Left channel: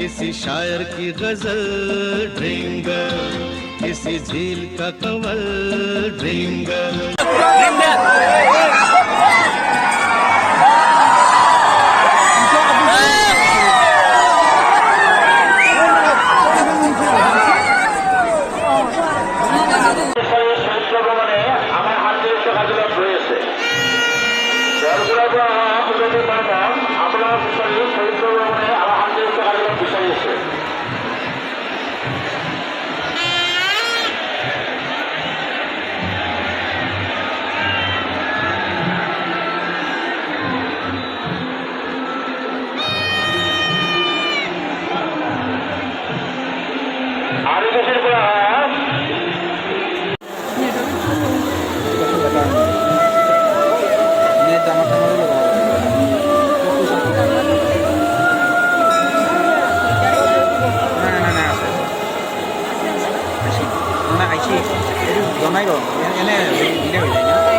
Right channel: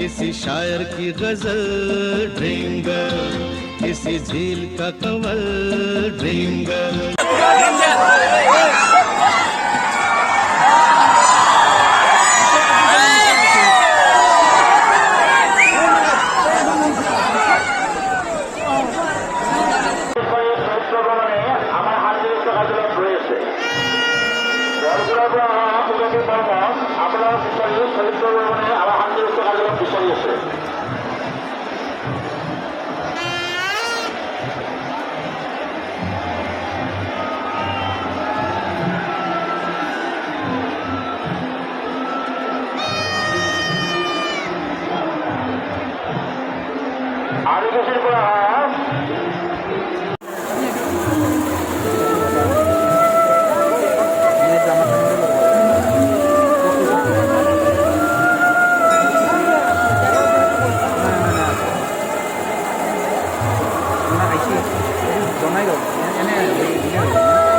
किसी शायर की गजल ड्रीम गर्ल, किसी झील का कंवल ड्रीम गर्ल। জমাই গ'ল এনে দিনে হৈ যায় না